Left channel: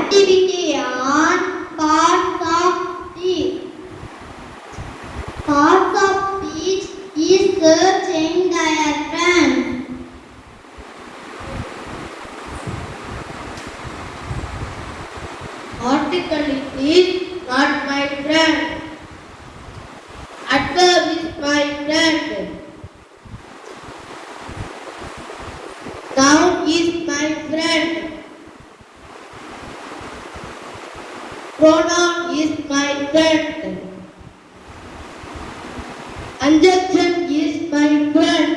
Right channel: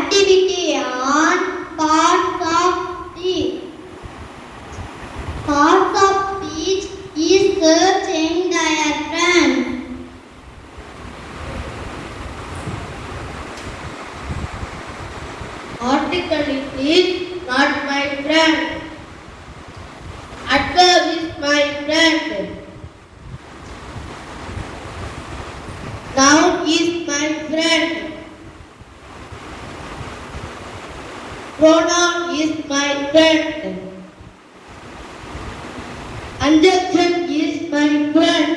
activity on parts of speech. Parts of speech is search in diagram. Article is not my friend. Adverb is my friend. Noun is my friend. Pronoun is my friend. Adjective is my friend.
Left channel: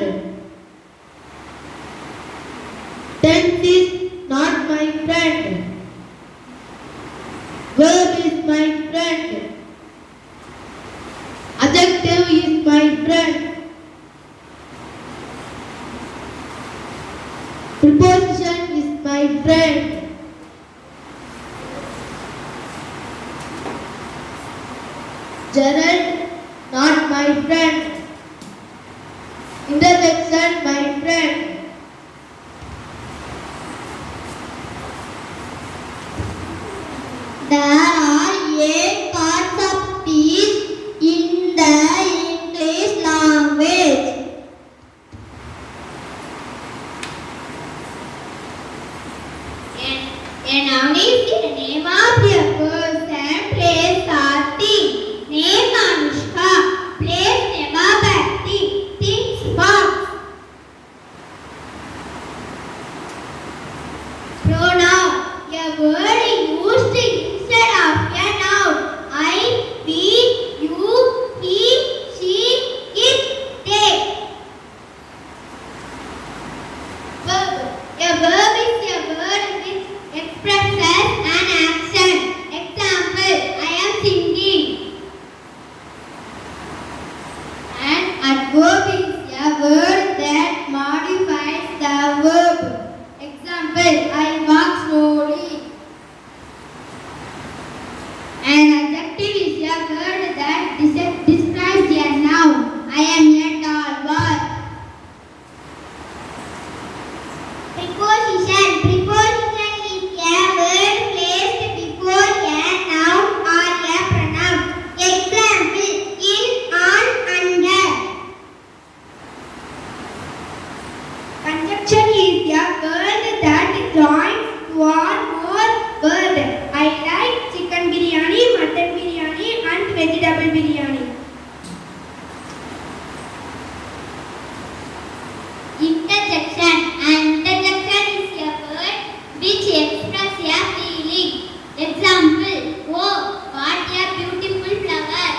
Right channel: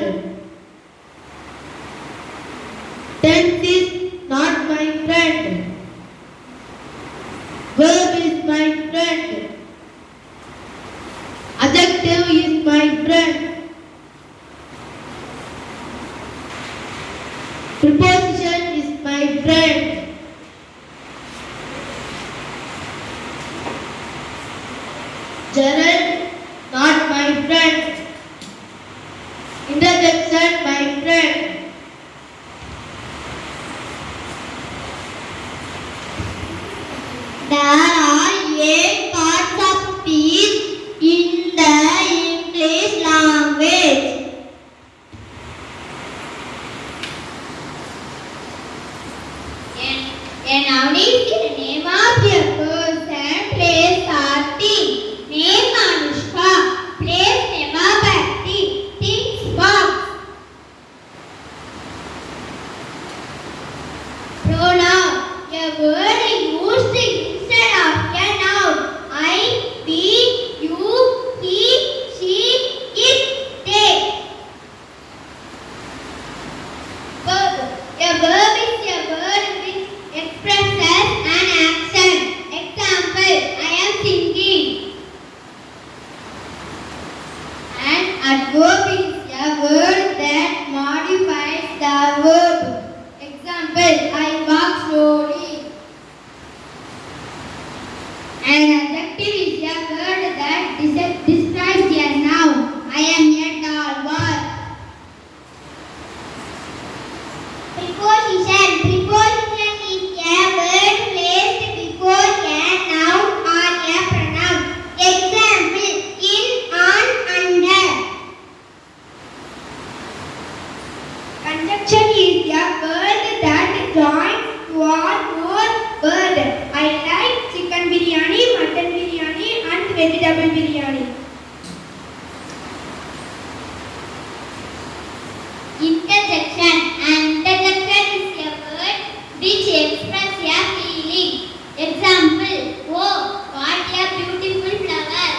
Tense is not my friend. Verb is my friend. Adjective is my friend. Preposition is my friend. Gerald, not my friend. Interjection, my friend. There are 8 parts of speech in the English language. A noun is the name of a person, place, or thing. Name Anushka, place Nemapatti, things Fox. Pronoun, a word used instead of a noun. I, we, you, he, she, it, they. Verb, a verb is a word which expresses an action. Example, I am singing. An adverb is a word that modifies the verb. Example, I walk slowly. An adjective is a word that describes a noun. I am a tall boy. Preposition. Preposition is a word placed before a noun or a pronoun. Example, in, on, under. Conjunction is a word that joins two or more words. I like chicken biryani, mutton biryani, and vegetable biryani. Interjection. An interjection is a word which expresses a feeling. Example, oh, what a beautiful flower.